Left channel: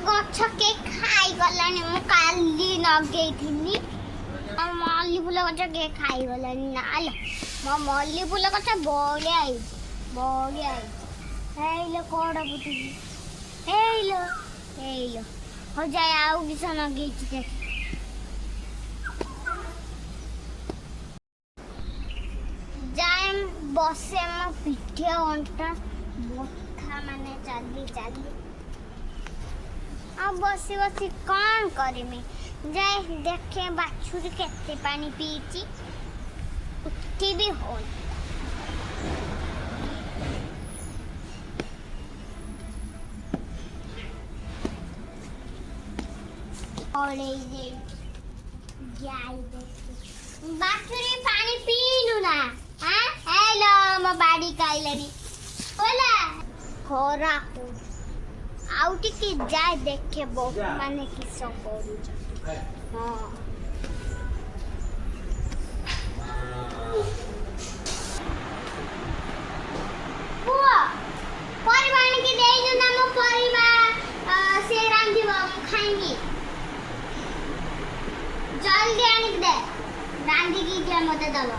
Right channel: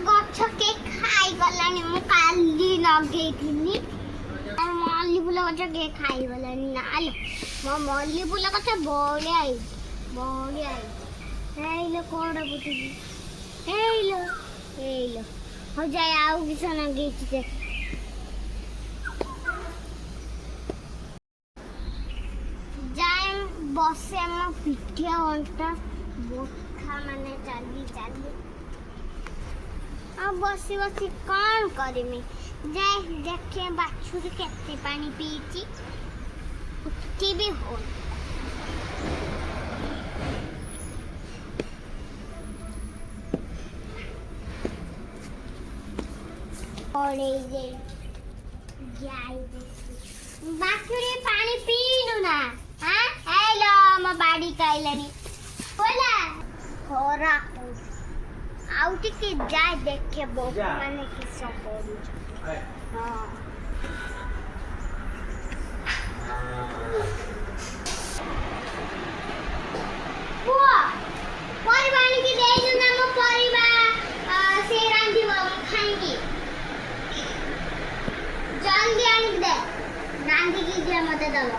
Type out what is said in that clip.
ଗଛ କେ ଖାଇଗଲାଣି ମୁଁ କାଲି ଲଗେଇଥିଲି ମଲ୍ଲି ଫୁଲ ଗଛ କେ ଖାଇଗଲାଣି ନାଲୋ ମୋ ମଲ୍ଲି ଫୁଲ ଗଛ ବଢିଆ ହେଇଛି ହେଇଲୋ କଣ ବୁଝୁଛି ହେଇଲୋ ହଉ ଯାଏ ଆଉ କିସ ଲଗେଇଛି ଦେଖ ଯାଏ ବସେ ମୋ ପିଠି ଅଣ୍ଟା ବଥା ମାନେ ଚାଲି ଆଉ ବସି କଣ କରିମି ଯାଏ ଦେଖେ ବାଛୁରୀ କେତେ ପାଣି ପିଇଛି ଉଠି ବି ହଉନି ବାଛୁରୀ ପାଣି ପିଇଲୁ ନା ହେଲୋ ମୋ ବାଡି ଖାଇଲାନି ଖରା ଆଉ ଟିକେ ଯାଏ ଦେଖେ ବୋହୂ ମାନେ କିସ କରୁଛନ୍ତି ପୁଅ ପରିବା ଆଣିକି ଦେଇଛୁ ନା ମୋ ପରିବା ସେ ରାନ୍ଧିବ ଖାଇବି ଜଲ୍ଦି ଆଣିକି ଦେ ରାନ୍ଧିକି ଯେ ମତେ ଦବ